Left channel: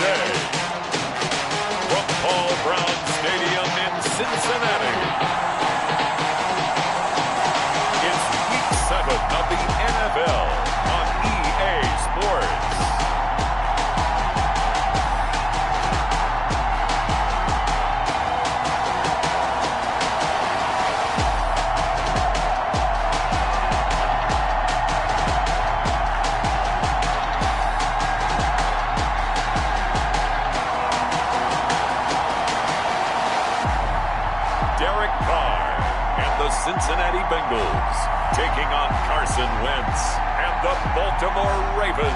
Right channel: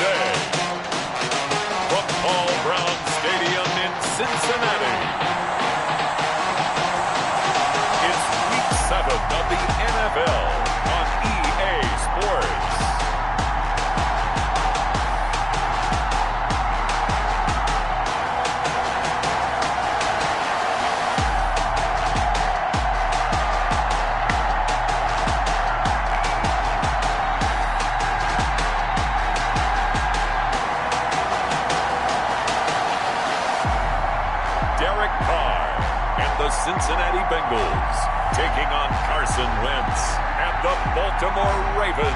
today. From Paul Brown Stadium in Cincinnati, it's Week 7 of the NFL on EA Sports. Cincinnati Bengals taking on Carson Wentz and the Baltimore Ravens.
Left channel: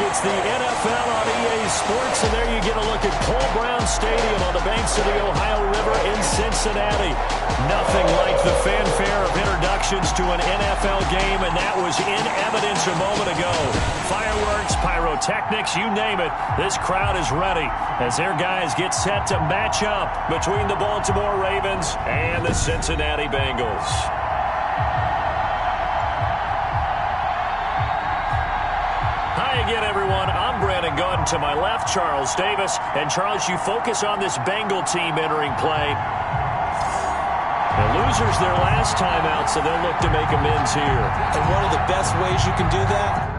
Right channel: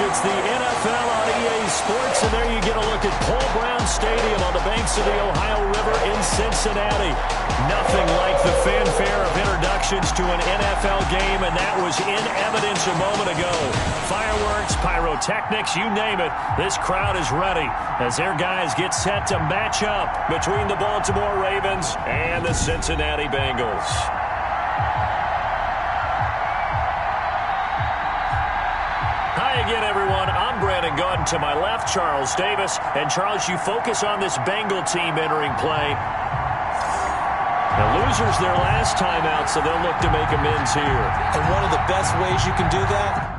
It's the NFL on EA Sports, and there you get a look at Paul Brown Stadium on the banks of the Ohio River in Cincinnati. Nothing like the fanfare of introductions to an NFL game, and that was in evidence a moment ago. Fireworks, pyrotechnics, you name it. This crowd is ready as their guys get set to match up between the Baltimore Ravens and the Cincinnati Bengals. Hi again, everyone. I'm Brandon Gaudin. To my left, Charles Davis. And, Charles, you focus on this Bengal team entering play. The losers their last time out, so they'll look to make amends here. And one of the best ways you can do that?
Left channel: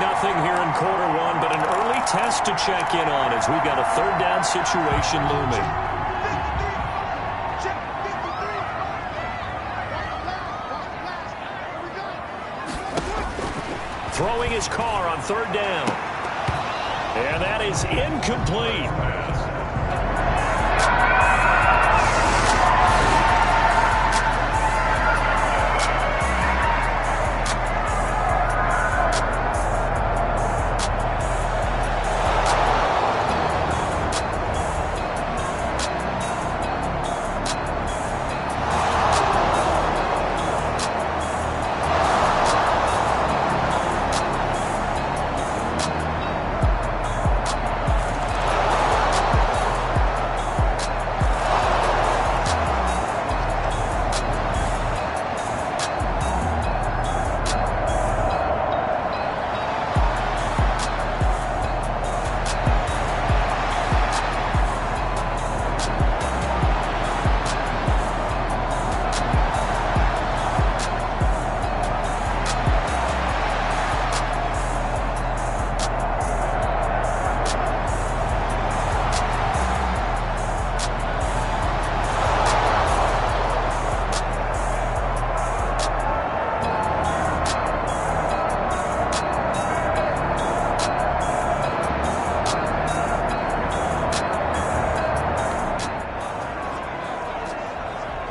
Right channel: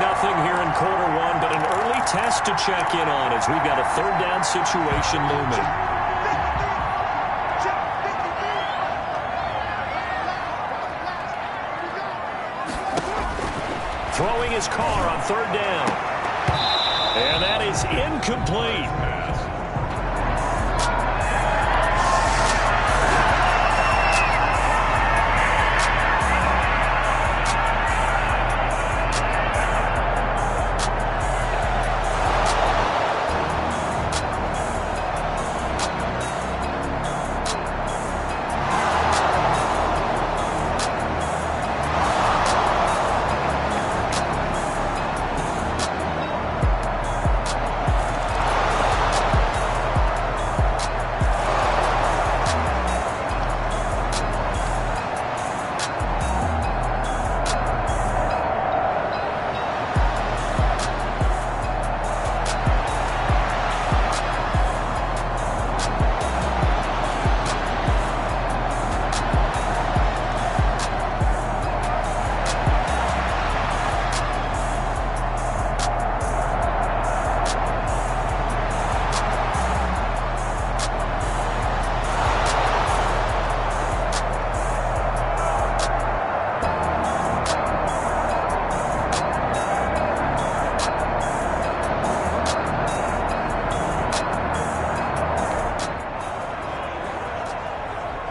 Nothing here in quarter one, but an early test to check in on as we've got a third down situation looming. Throwing his car on third down. And that is incomplete.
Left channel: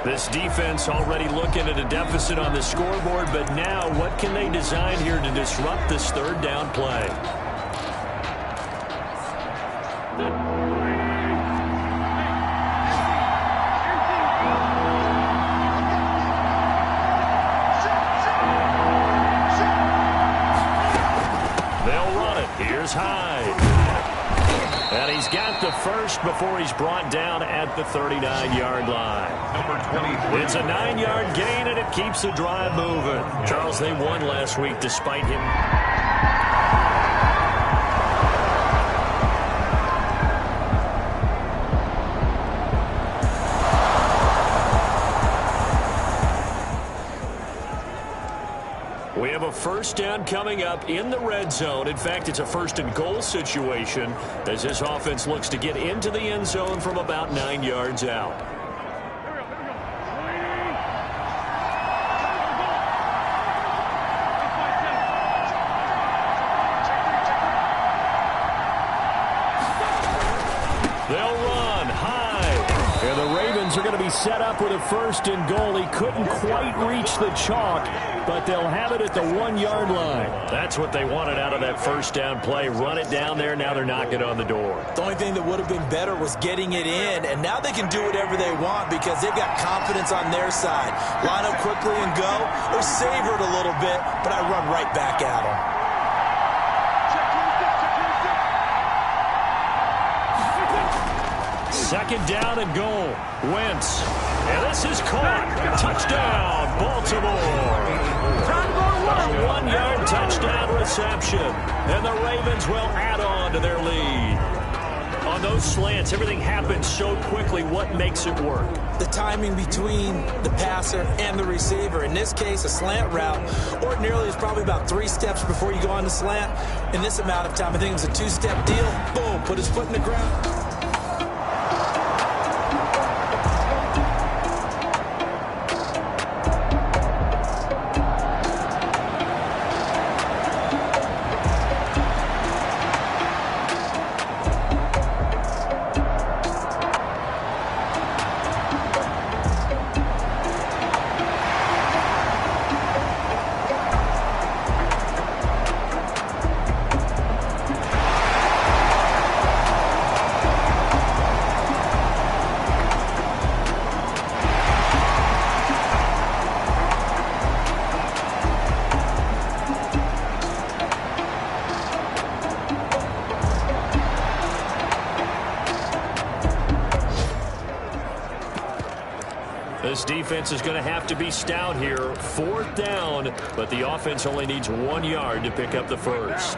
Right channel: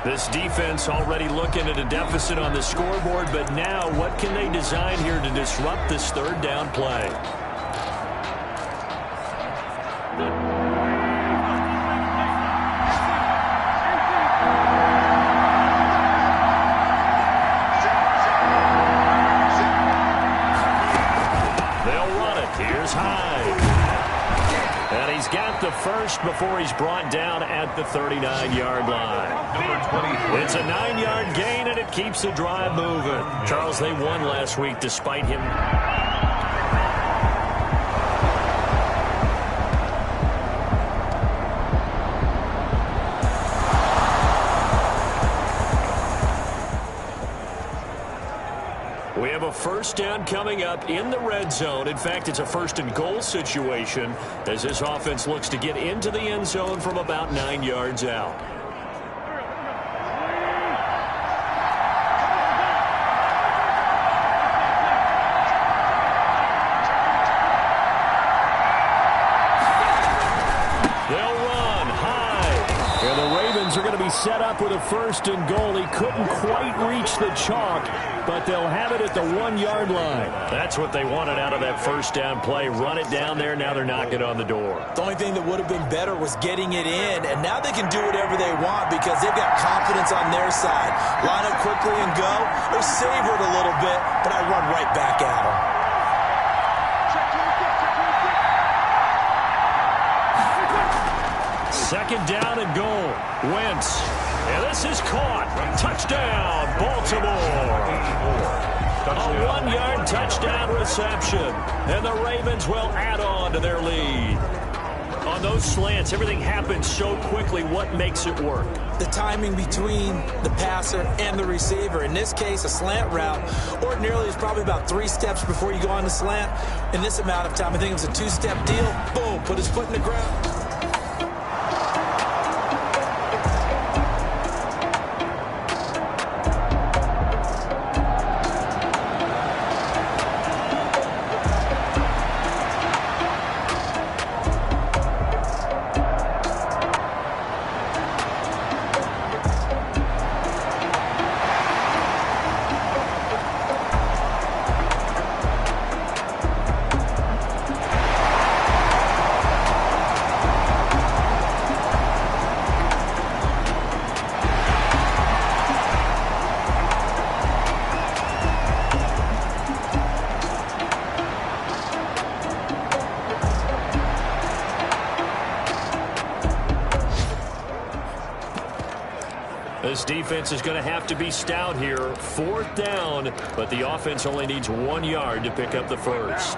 This defense already looking at a deficit on the scoreboard, but now what can they design here to disrupt this third down play? They'll run it. Here's Hyde. And he's got the first before he's brought down at the 39-yard line. Number 23. It's a 9-yard gain, and it keeps the drive moving. Charles, they won last week despite him. We have a first down coming up in the red zone. In fact, it's a first and goal situation as this offense looks to get into the end zone from about 9 yards out. Ravens are going to be set up with a 1st and goal. He couldn't quite reach the chalk, but they'll have it at the 1-yard line. That's what they wanted out of that first down play. Run it down there. Now they're knocking on the door. The only thing that would have been better was getting it in, and now they can do whatever they want because they've got confidence on their side. Line up quickly and go, or savor it a little bit, but I run right back at them. Second down and goal. Wentz. And this is caught. Touchdown, Baltimore. A 1-yard touchdown reception. And the Ravens will add on to their lead. On those slants, everything happens so quickly. What makes it work? The timing between the passer and the receiver. In this case, a slant route ordinarily is probably about 3 steps before you go on the slant. In this amount of time, I think it was a 2-step deal. Boom, put his foot in the ground. This defense is going to have to be stout here. 4th down, but the offense only needs 1 yard to pick up the first.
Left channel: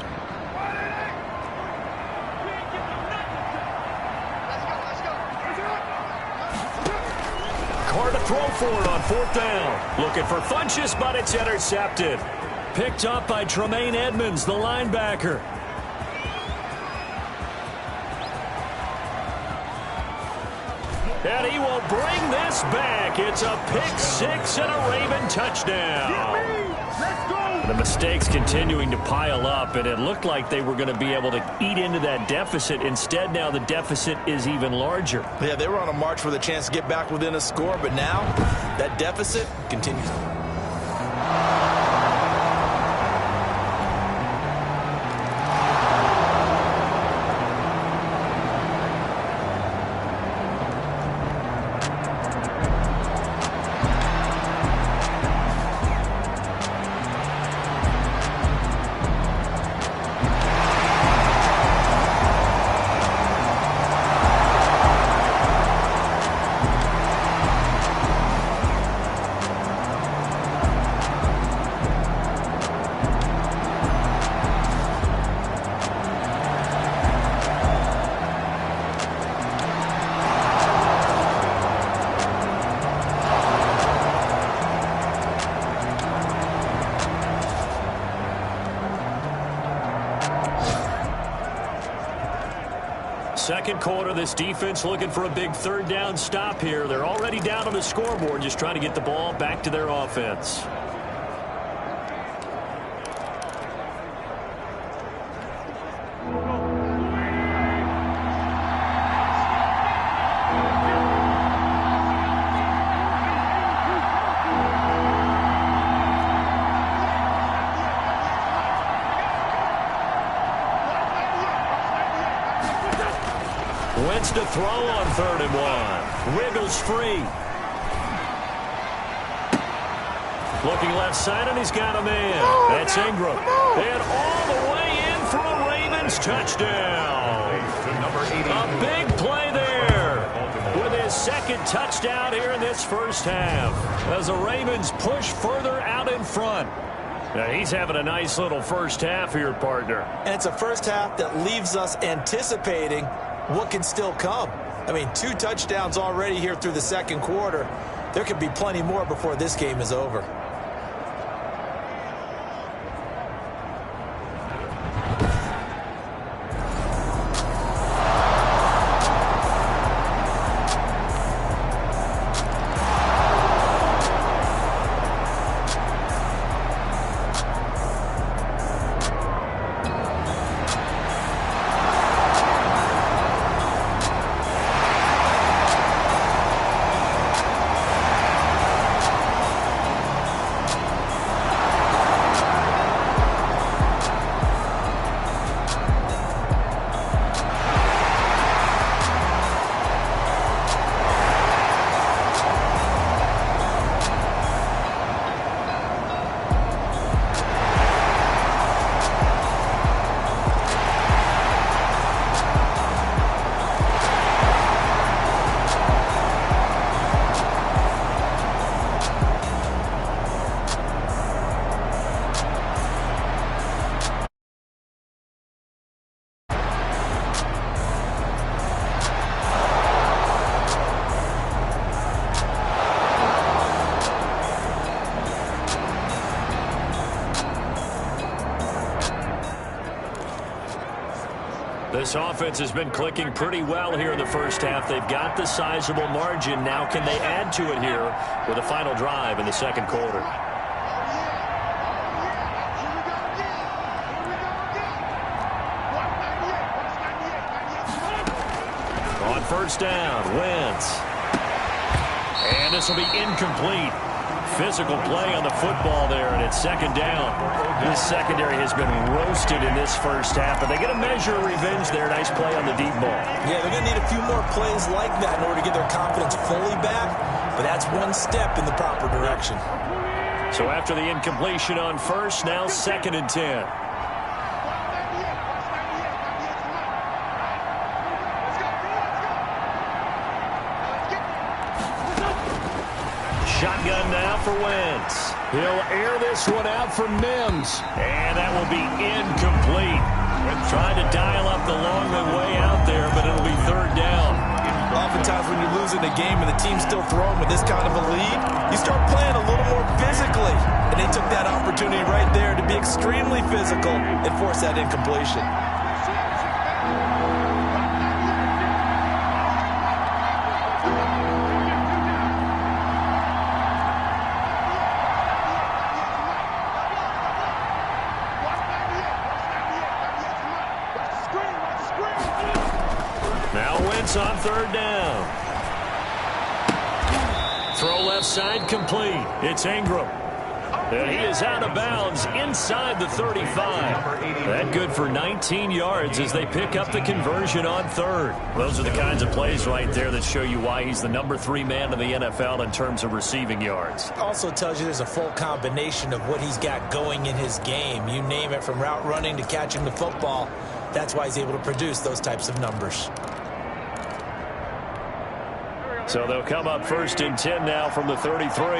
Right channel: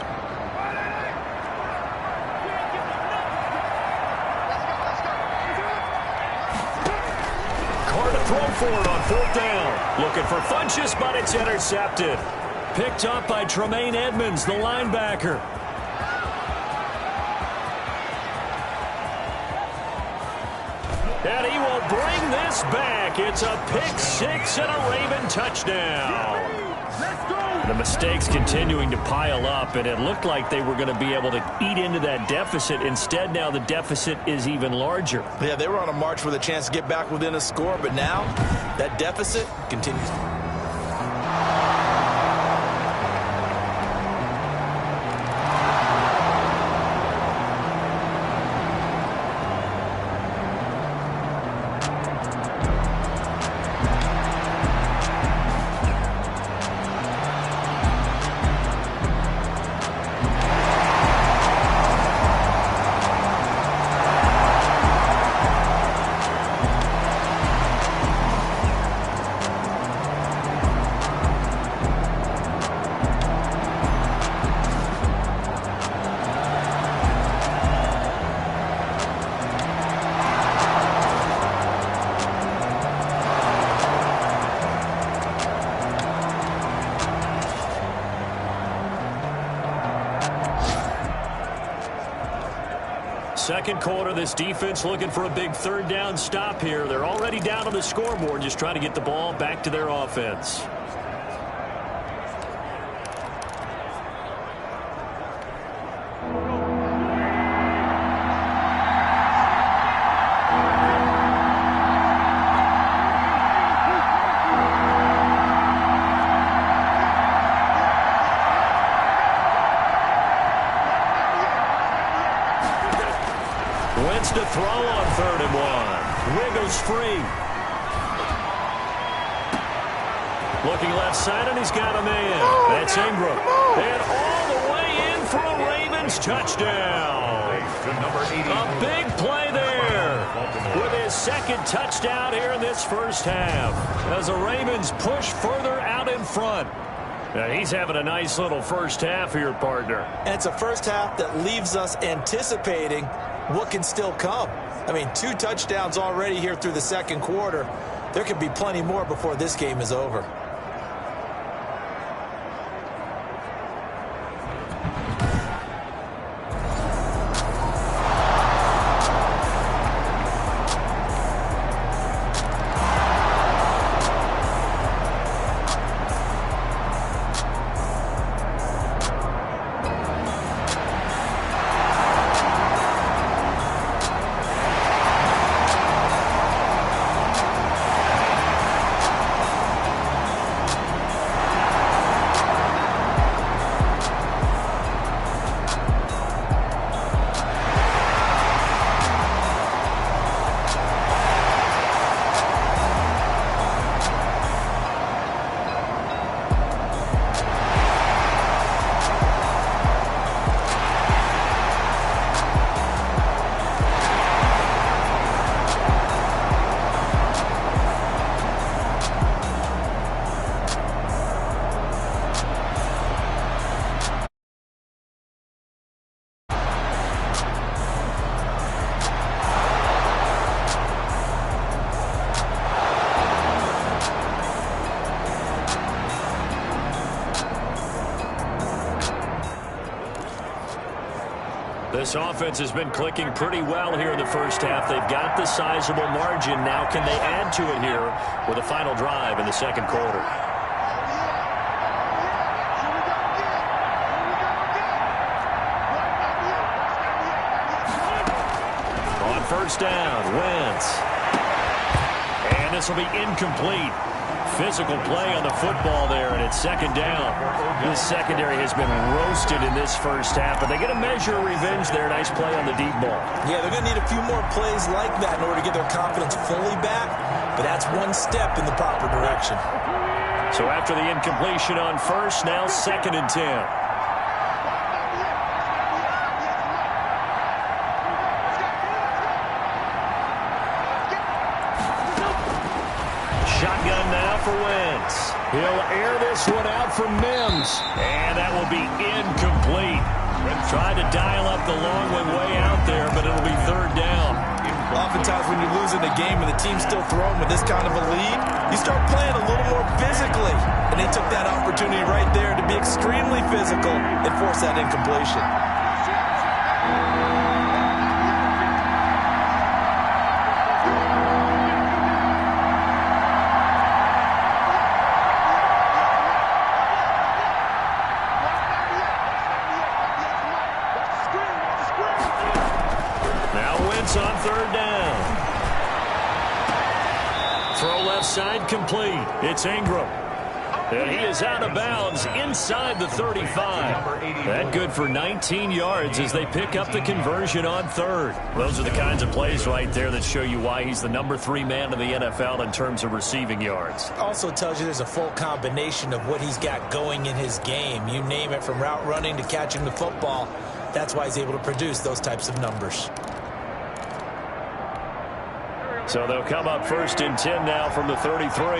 Carr to throw for it on 4th down. Looking for Funchess, but it's intercepted. Picked up by Tremaine Edmonds, the linebacker. And he will bring this back. It's a pick 6 and a Raven touchdown. The mistakes continuing to pile up, and it looked like they were going to be able to eat into that deficit. Instead, now the deficit is even larger. Yeah, they were on a march with a chance to get back within a score, but now that deficit continues. Second quarter, this defense looking for a big 3rd down stop here. They're already down on the scoreboard, just trying to get the ball back to their offense. Wentz to throw on 3rd and 1. Wiggles free. Looking left side, and he's got a man. That's Ingram. And all the way in for a Ravens touchdown. A big play there with his 2nd touchdown here in this first half as the Ravens push further out in front. Now he's having a nice little first half here, partner. And it's a first half that leaves us anticipating what can still come. I mean, 2 touchdowns already here through the 2nd quarter. There could be plenty more before this game is over. This offense has been clicking pretty well here in the first half. They've got the sizable margin. Now can they add to it here with a final drive in the second quarter? On first down, Wentz. And this will be incomplete. Physical play on the football there, and it's second down. This secondary has been roasted in this first half, but they get a measure of revenge there. Nice play on the deep ball. Yeah, they're going to need a few more plays like that in order to get their confidence fully back, but that's one step in the proper direction. So after the incompletion on first, now 2nd and 10. Shotgun now for Wentz. He'll air this one out for Mims. And that will be incomplete. Trying to dial up the long way out there, but it'll be third down. Oftentimes when you're losing a game and the team's still throwing with this kind of a lead, you start playing a little more physically. And they took that opportunity right there to be extremely physical and force that incompletion. On third down. Throw left side complete. It's Ingram. And he is out of bounds inside the 35. That good for 19 yards as they pick up the conversion on third. Those are the kinds of plays right there that show you why he's the number 3 man in the NFL in terms of receiving yards. Also tells you there's a full combination of what he's got going in his game. You name it, from route running to catching the football. That's why he's able to produce those types of numbers. So they'll come up 1st and 10 now from the 33.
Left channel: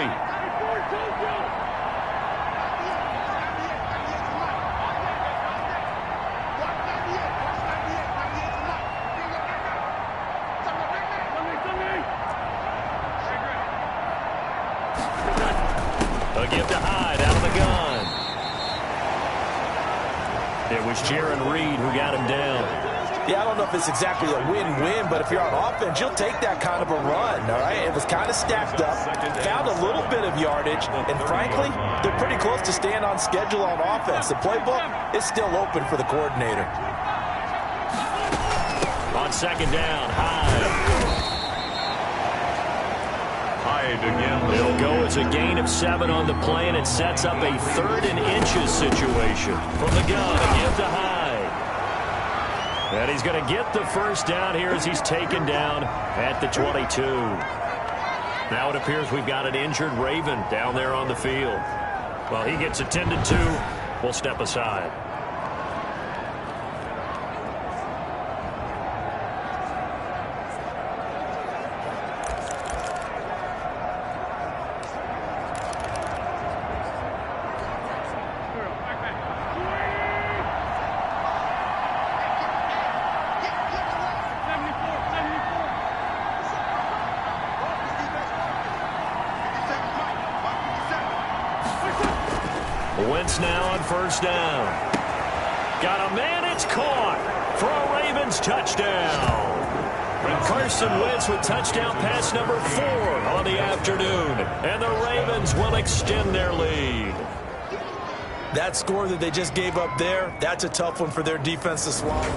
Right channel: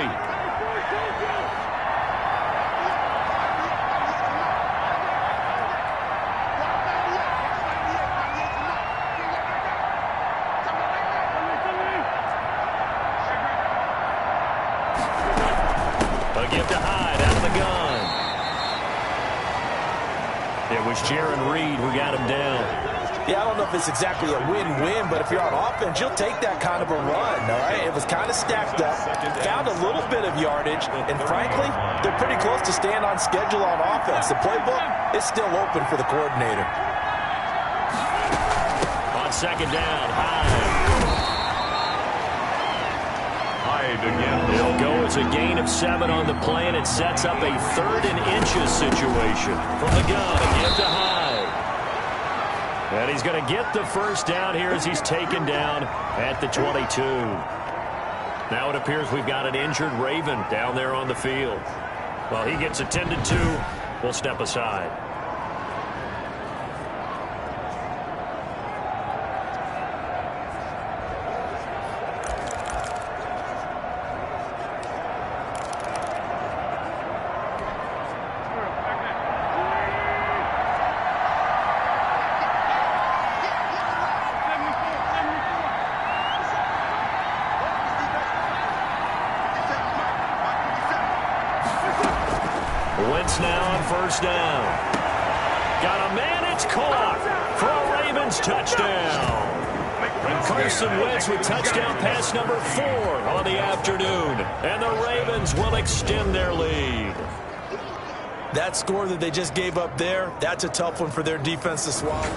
A give to Hyde out of the gun. It was Jaron Reed who got him down. Yeah, I don't know if it's exactly a win-win, but if you're on offense, you'll take that kind of a run, all right? It was kind of stacked up, found a little bit of yardage, and frankly, they're pretty close to staying on schedule on offense. The playbook is still open for the coordinator. On second down, Hyde. Hyde again. It'll go as a gain of 7 on the play, and it sets up a 3rd and inches situation. From the gun, a give to Hyde. And he's going to get the first down here as he's taken down at the 22. Now it appears we've got an injured Raven down there on the field. Well, he gets attended to. We'll step aside. Wentz now on first down. Got a man, it's caught for a Ravens touchdown. And Carson Wentz with touchdown pass number 4 on the afternoon. And the Ravens will extend their lead. That score that they just gave up there, that's a tough one for their defense to swallow.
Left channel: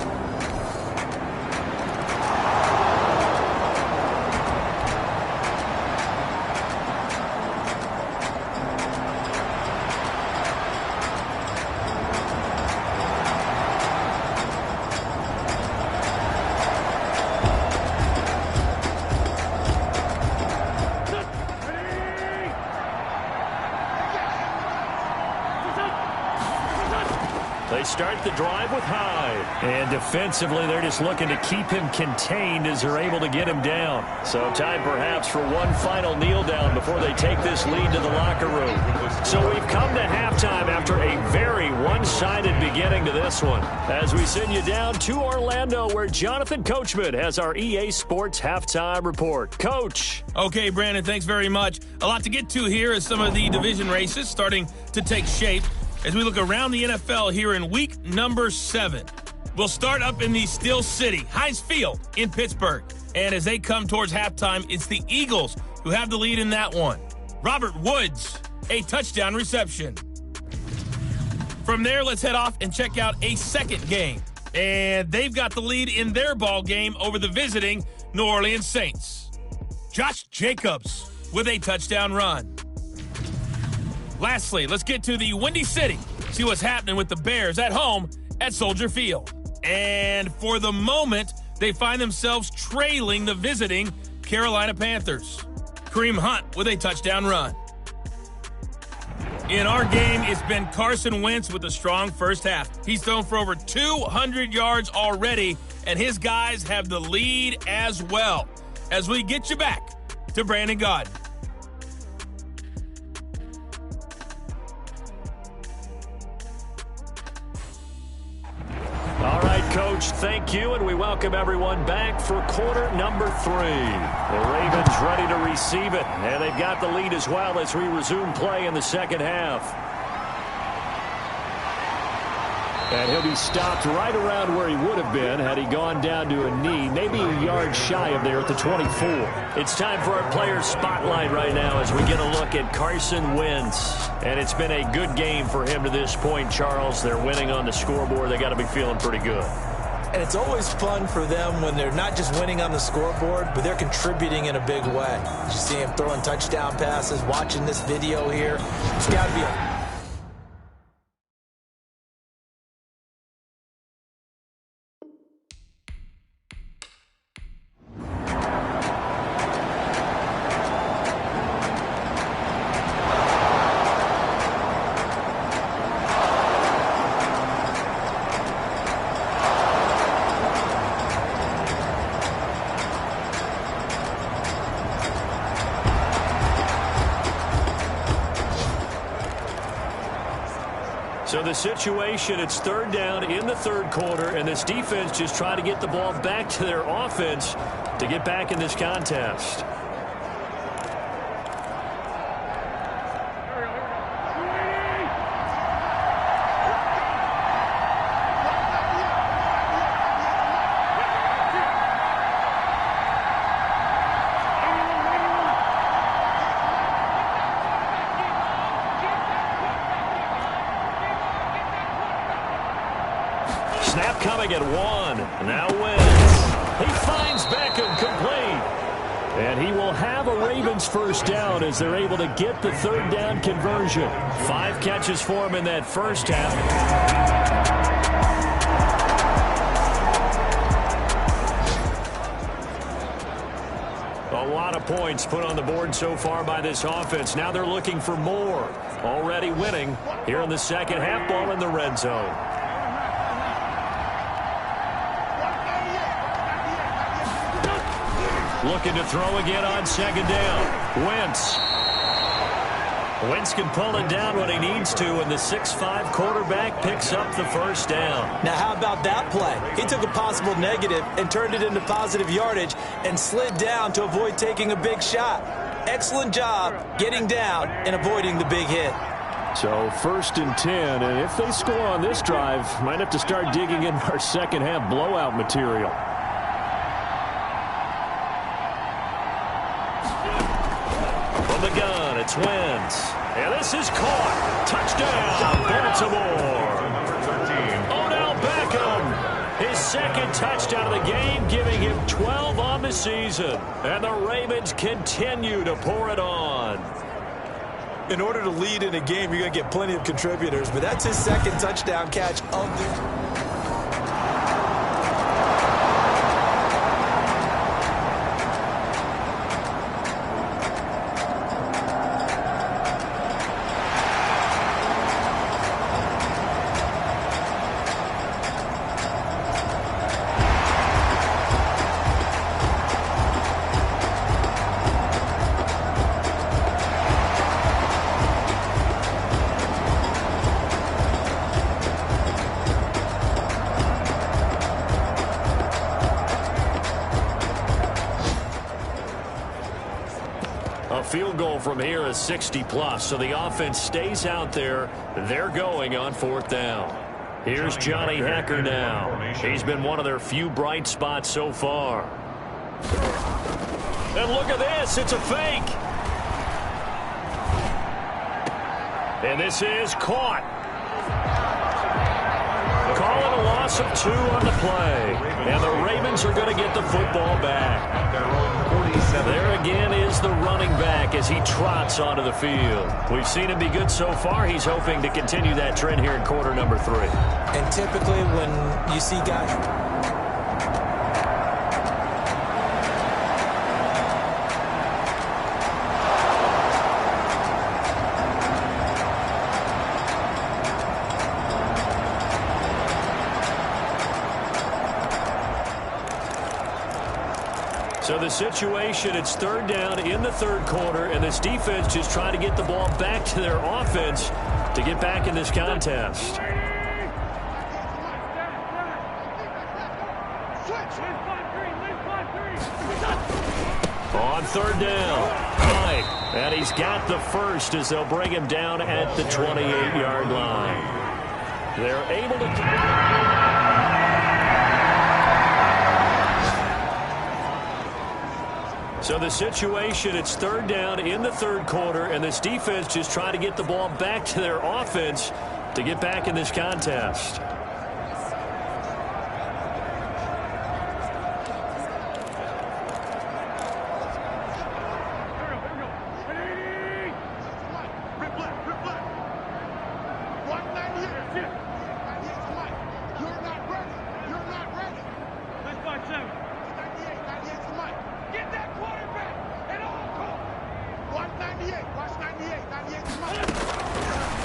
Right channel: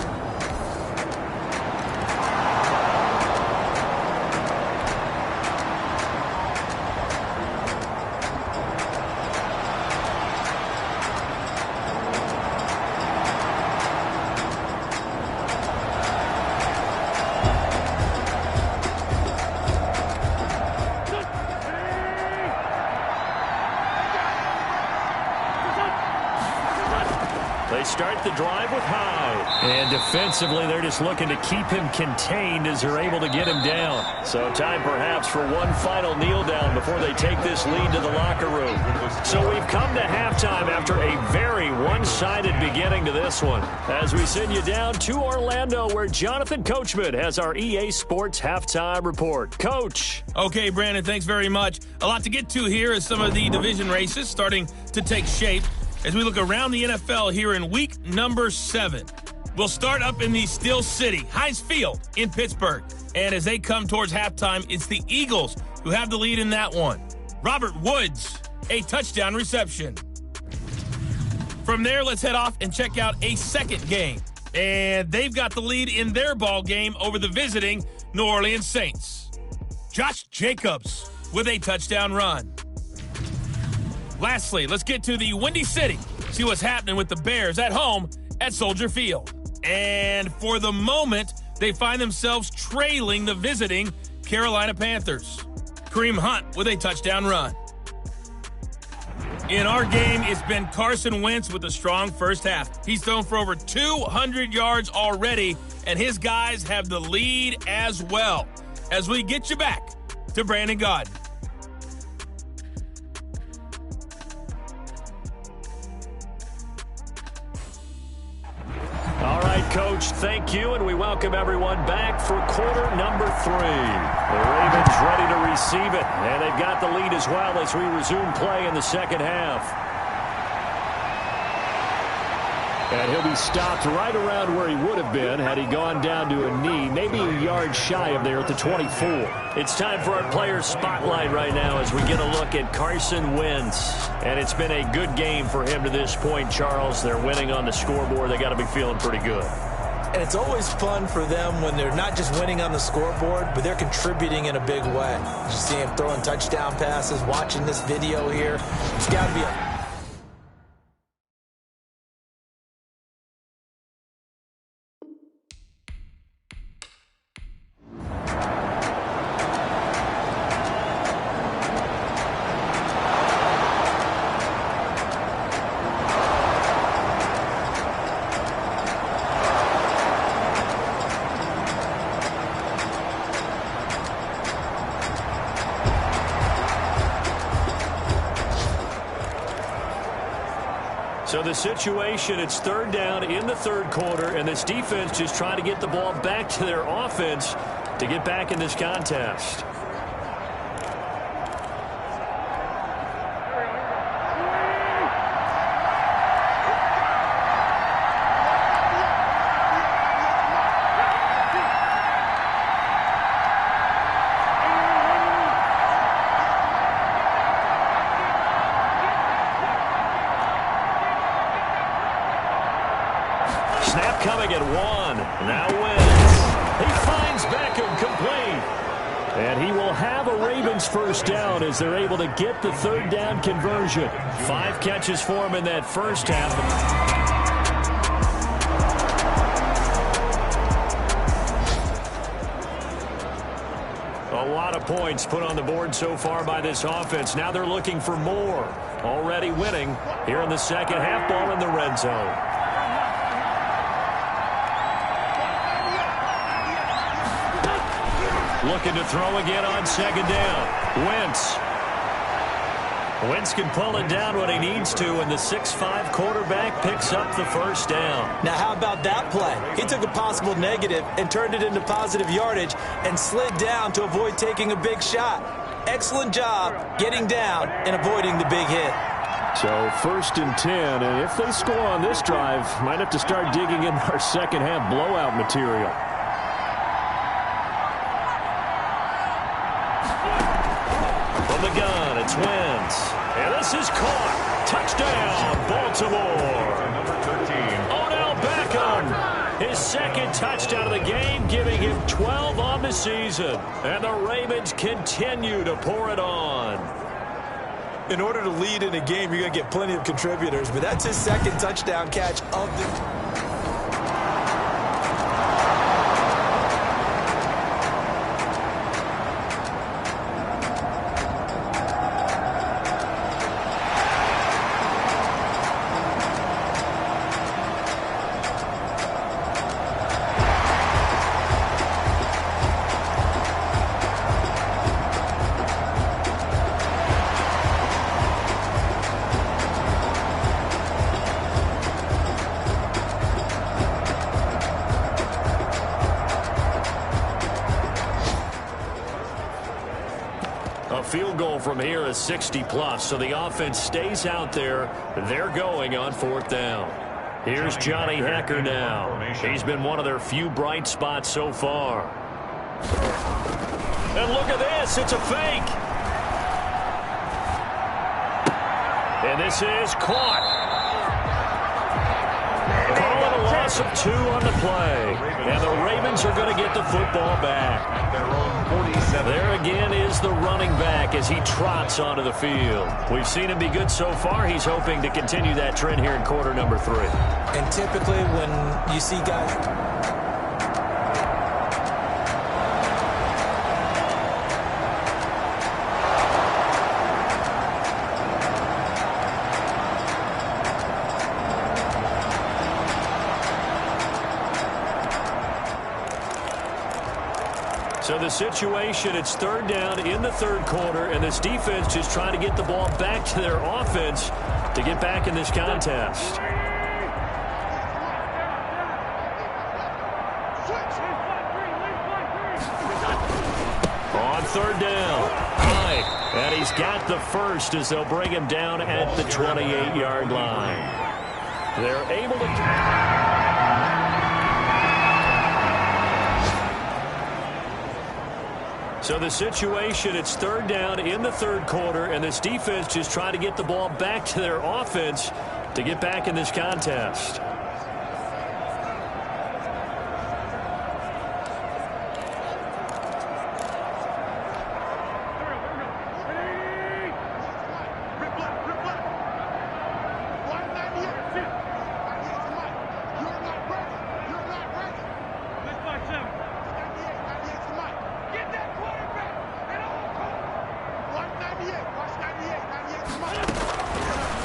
They start the drive with Hyde. And defensively, they're just looking to keep him contained as they're able to get him down. So time perhaps for one final kneel down before they take this lead to the locker room. So we've come to halftime after a very one-sided beginning to this one. As we send you down to Orlando, where Jonathan Coachman has our EA Sports halftime report. Coach. Okay, Brandon, thanks very much. A lot to get to here as some of the division races starting to take shape as we look around the NFL here in week number 7. We'll start up in the Steel City, Heinz Field in Pittsburgh. And as they come towards halftime, it's the Eagles who have the lead in that one. Robert Woods, a touchdown reception. From there, let's head off and check out a second game. And they've got the lead in their ball game over the visiting New Orleans Saints. Josh Jacobs with a touchdown run. Lastly, let's get to the Windy City. See what's happening with the Bears at home at Soldier Field. And for the moment, they find themselves trailing the visiting Carolina Panthers. Kareem Hunt with a touchdown run. In our game, it's been Carson Wentz with a strong first half. He's thrown for over 200 yards already, and his guys have the lead as well. As we get you back to Brandon Gaudin. All right, Coach, thank you, and we welcome everyone back for quarter number 3. The Ravens ready to receive it, and they've got the lead as well as we resume play in the second half. And he'll be stopped right around where he would have been had he gone down to a knee, maybe a yard shy of there at the 24. It's time for our player spotlight right now as we get a look at Carson Wentz. And it's been a good game for him to this point, Charles. They're winning on the scoreboard. They got to be feeling pretty good. And it's always fun for them when they're not just winning on the scoreboard, but they're contributing in a big way. You see him throwing touchdown passes, watching this video here. It's got to be a... So the situation, it's third down in the third quarter, and this defense just trying to get the ball back to their offense to get back in this contest. Snap coming at 1. Now Wentz. He finds Beckham complete. And he will have a Ravens first down as they're able to get the third down conversion. 5 catches for him in that first half. A lot of points put on the board so far by this offense. Now they're looking for more. Already winning here in the second half, ball in the red zone. Looking to throw again on second down. Wentz. Wentz can pull it down when he needs to, and the 6'5" quarterback picks up the first down. Now, how about that play? He took a possible negative and turned it into positive yardage and slid down to avoid taking a big shot. Excellent job getting down and avoiding the big hit. So 1st and 10, and if they score on this drive, might have to start digging in our second half blowout material. From the gun, it's Wentz. And this is caught. Touchdown, Baltimore. Number 13. Odell Beckham. His second touchdown of the game, giving him 12 on the season. And the Ravens continue to pour it on. In order to lead in a game, you're going to get plenty of contributors, but that's his second touchdown catch of the... A field goal from here is 60+, so the offense stays out there. They're going on 4th down. Here's Johnny Hacker now. He's been one of their few bright spots so far. And look at this. It's a fake. And this is caught. Calling a loss of 2 on the play. And the Ravens are going to get the football back. At their own 47. There again is the running back as he trots onto the field. We've seen him be good so far. He's hoping to continue that trend here in quarter number 3. And typically when you see guys... So the situation, it's 3rd down in the 3rd quarter, and this defense just trying to get the ball back to their offense to get back in this contest. On 3rd down, right, and he's got the first as they'll bring him down at the 28-yard line. They're able to... So the situation, it's 3rd down in the 3rd quarter, and this defense just trying to get the ball back to their offense to get back in this contest.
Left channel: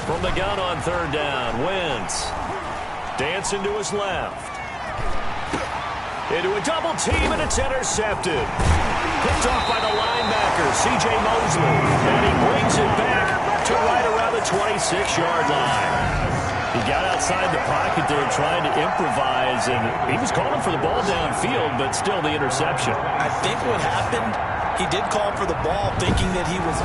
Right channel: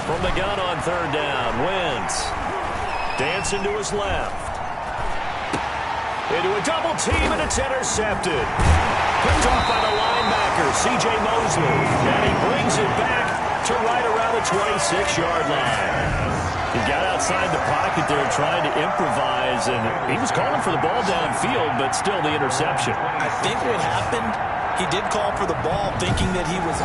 From the gun on 3rd down, Wentz dancing to his left. Into a double team, and it's intercepted. Picked off by the linebacker, C.J. Mosley. And he brings it back to right around the 26-yard line. He got outside the pocket there trying to improvise, and he was calling for the ball downfield, but still the interception. I think what happened, he did call for the ball thinking that he was...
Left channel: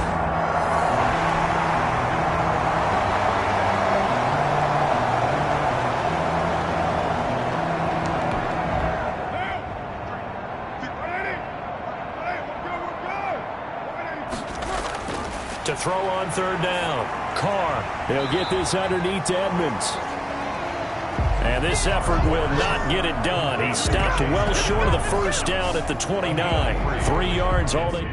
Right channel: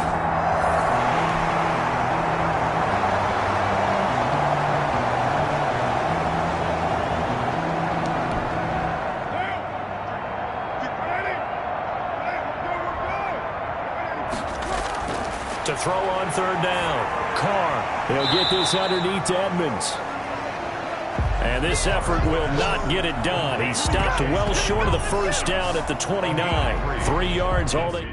To throw on 3rd down. Carr, he'll get this underneath Edmonds. And this effort will not get it done. He stopped well short of the first down at the 29. 3 yards all they...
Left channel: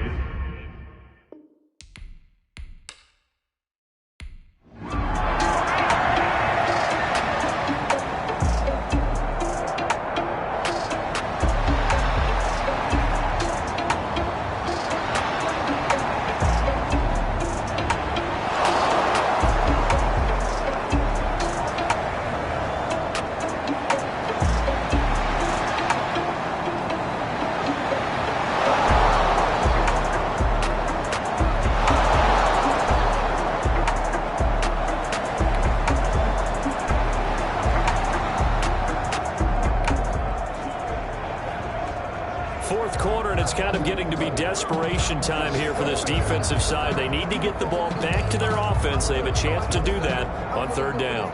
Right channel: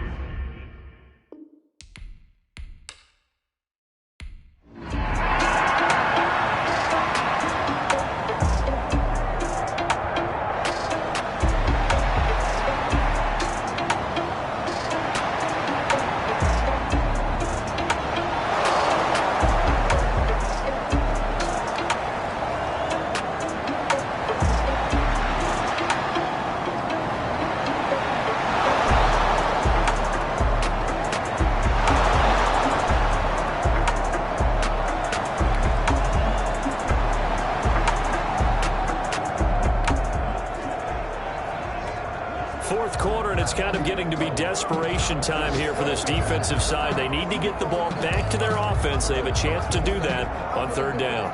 Kind of getting to be desperation time here for this defensive side. They need to get the ball back to their offense. They have a chance to do that on 3rd down.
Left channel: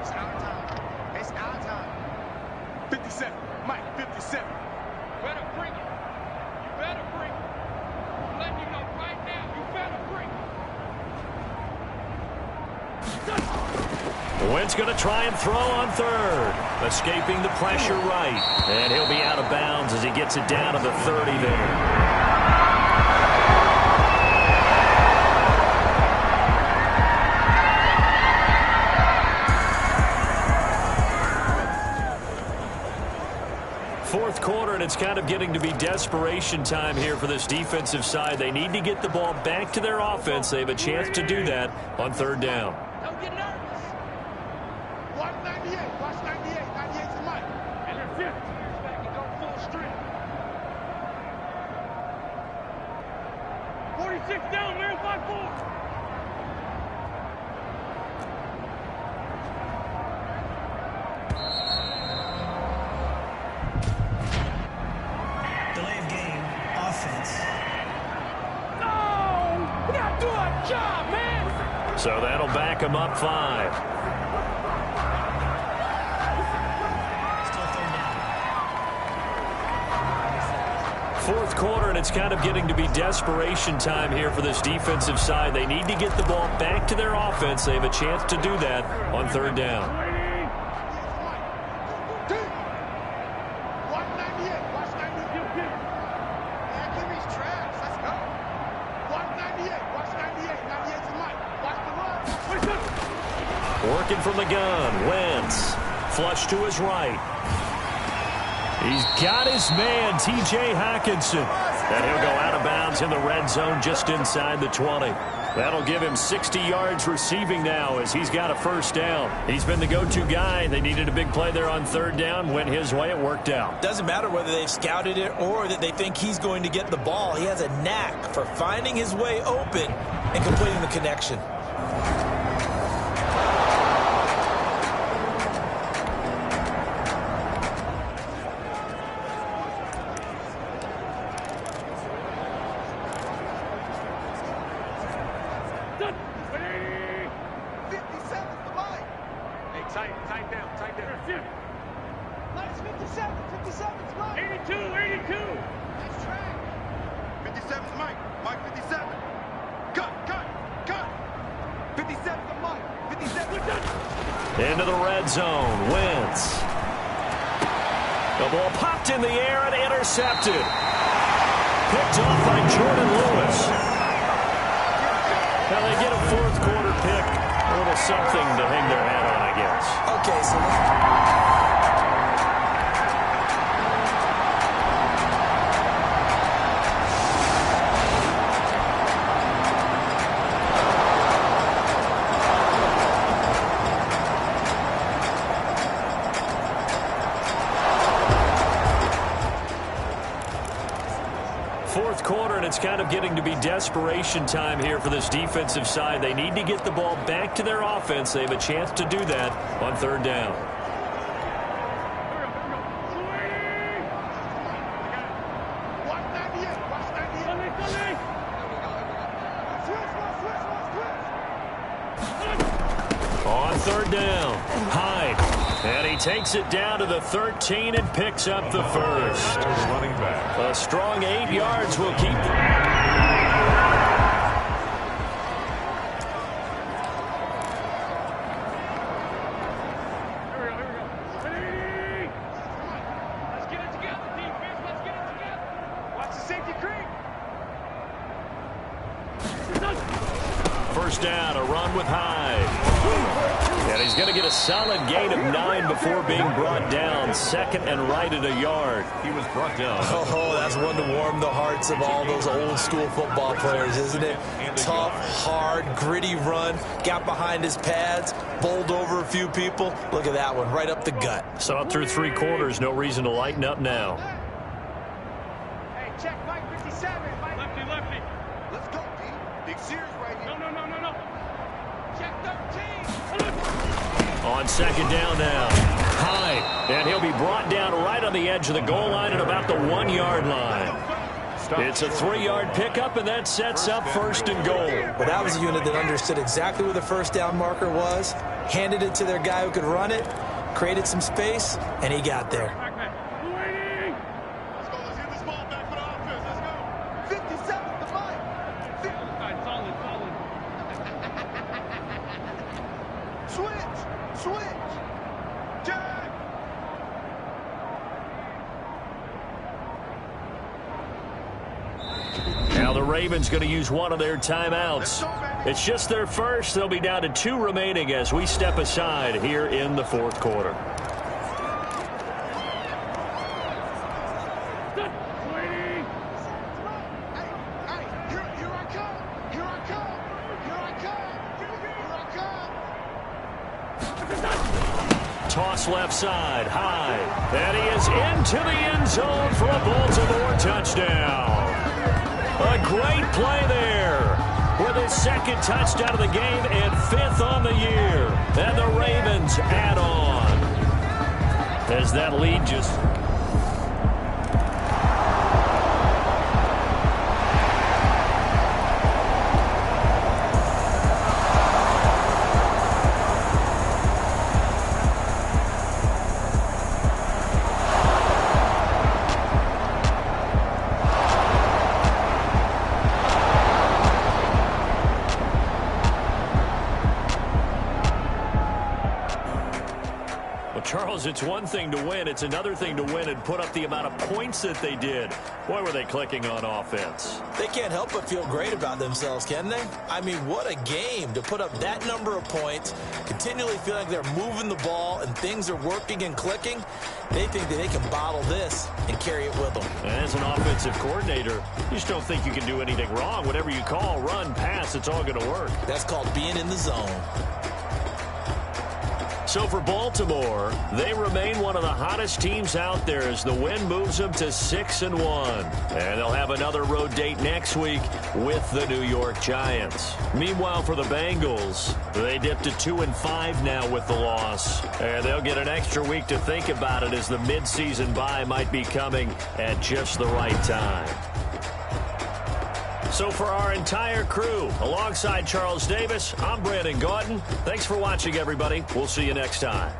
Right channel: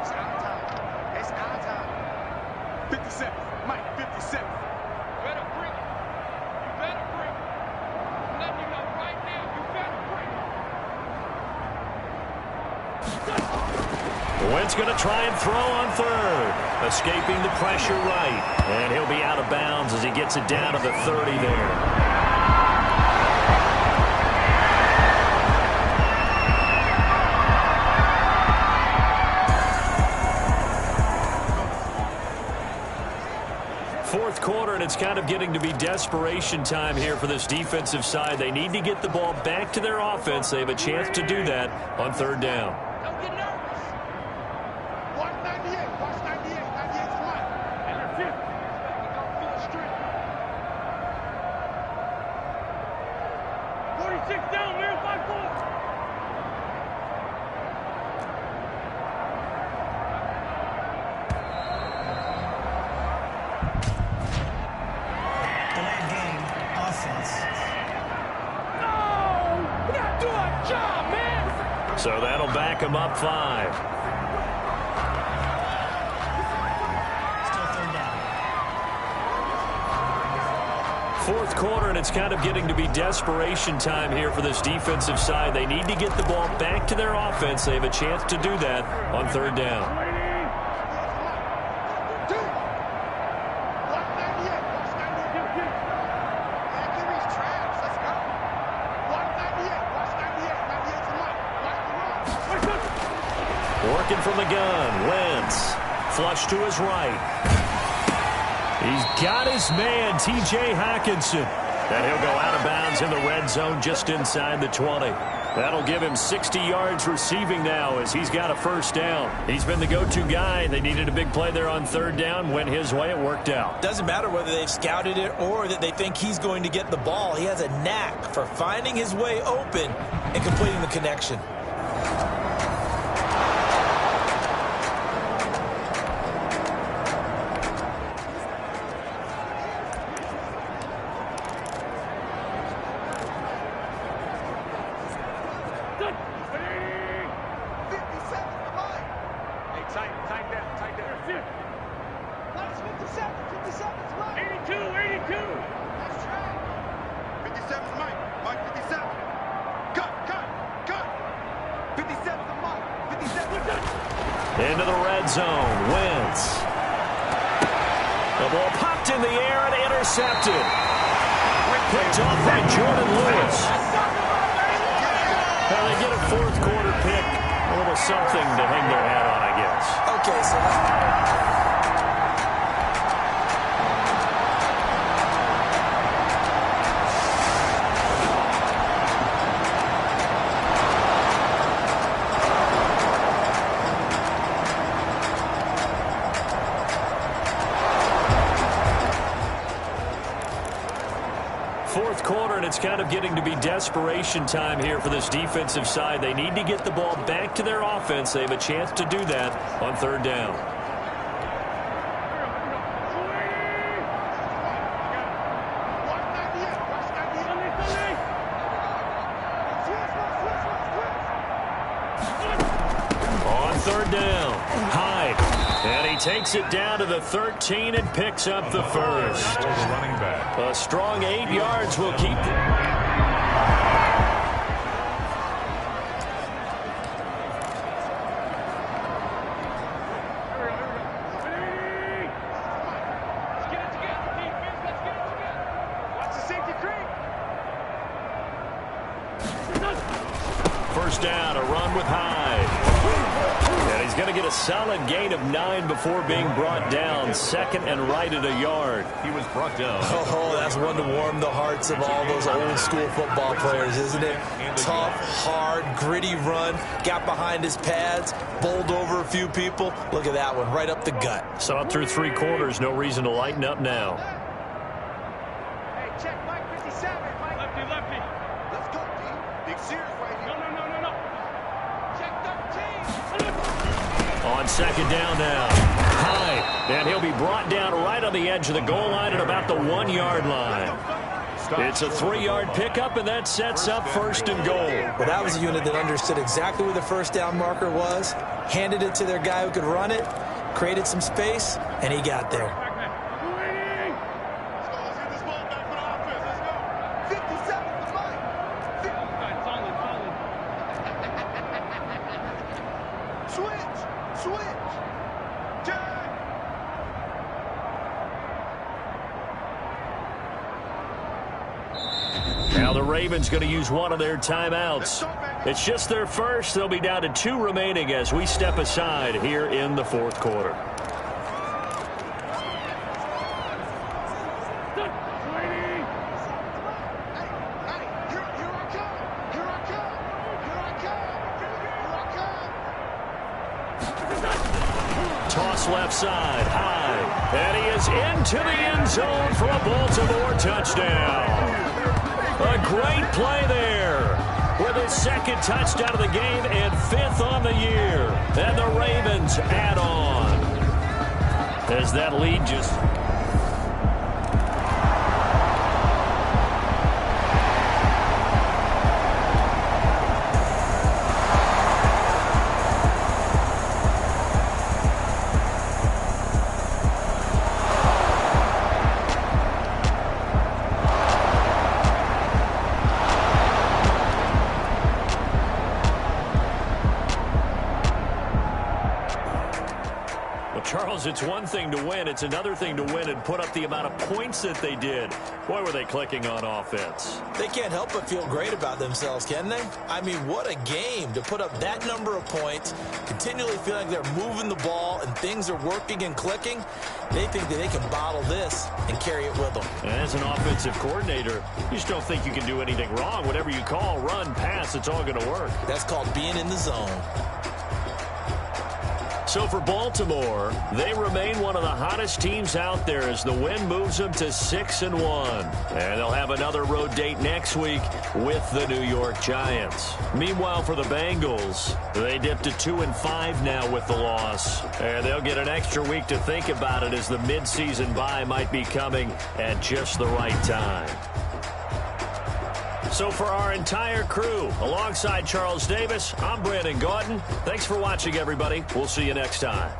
It's our time. It's our time. 57. Mike, 57. Better bring it. You better bring it. I'm letting you know right now, you better bring it. Wentz going to try and throw on 3rd. Escaping the pressure right. And he'll be out of bounds as he gets it down to the 30 there. Fourth quarter, and it's kind of getting to be desperation time here for this defensive side. They need to get the ball back to their offense. They have a chance to do that on 3rd down. Don't get nervous. 198. Watch 98. 98's Mike. And your 50 years back and go full strength. 46 down, man. 5-4. Delayed game, offense. No! We gotta do our job, man! So that'll back him up 5. Still third down. Fourth quarter, and it's kind of getting to be desperation time here for this defensive side. They need to get the ball back to their offense. They have a chance to do that on third down. Working from the gun, Wentz. Flush to his right. He's got his man, T.J. Hockenson. And he'll go out of bounds in the red zone just inside the 20. That'll give him 60 yards receiving now as he's got a first down. He's been the go-to guy. They needed a big play there on third down. Went his way. It worked out. Doesn't matter whether they've scouted it or that they think he's going to get the ball. He has a knack for finding his way open and completing the connection. Into the red zone, Wentz. The ball popped in the air and intercepted. Picked off by Jordan Lewis. Now they get a fourth quarter pick. A little something to hang their hat on, I guess. Okay, so fourth quarter, and it's kind of getting to be desperation time here for this defensive side. They need to get the ball back to their offense. They have a chance to do that on third down. On third down, Hyde. And he takes it down to the 13 and picks up the first. Running back. A strong 8 yards will keep Let's get it together, defense. Let's get it together. Watch the safety creep. first down, a run with Hyde. And he's going to get a solid gain of 9 before being brought down. Second and right at a yard. He was brought down. Oh, that's one to warm the hearts of all those old school football players, isn't it? Tough, hard, gritty run. Got behind his pads, bowled over a few people. Look at that one, right up the gut. Saw it through 3 quarters. No reason to lighten up now. Hey, check Mike 57. Mike. Lefty, lefty. Let's go, D. Big series right here. No. Check 13. On second down now, Hyde, and he'll be brought down right on the edge of the goal line at about the 1 yard line. It's a 3-yard pickup, and that sets up first and goal. Well, that was a unit that understood exactly where the first down marker was, handed it to their guy who could run it, created some space, and he got there. Let's go. Let's get this ball back for the offense. Let's go. 57 to Mike. Solid. Switch. Jack. Now the Ravens going to use one of their timeouts. It's just their first. They'll be down to 2 remaining as we step aside here in the fourth quarter. Toss left side, high, and he is into the end zone for a Baltimore touchdown. A great play there with his second touchdown of the game and 5th on the year. And the Ravens add on as that lead just... Well, Charles, it's one thing to win. It's another thing to win and put up the amount of points that they did. Boy, were they clicking on offense. They can't help but feel great about themselves, can they? I mean, what a game to put up that number of points, continually feel like they're moving the ball and things are working and clicking. They think that they can bottle this and carry it with them. And as an offensive coordinator, you just don't think you can do anything wrong. Whatever you call, run, pass, it's all going to work. That's called being in the zone. So for Baltimore, they remain one of the hottest teams out there as the win moves them to 6-1. And they'll have another road date next week with the New York Giants. Meanwhile, for the Bengals, they dipped to 2-5 now with the loss. And they'll get an extra week to think about it as the midseason bye might be coming at just the right time. So for our entire crew, alongside Charles Davis, I'm Brandon Gaudin. Thanks for watching, everybody. We'll see you next time.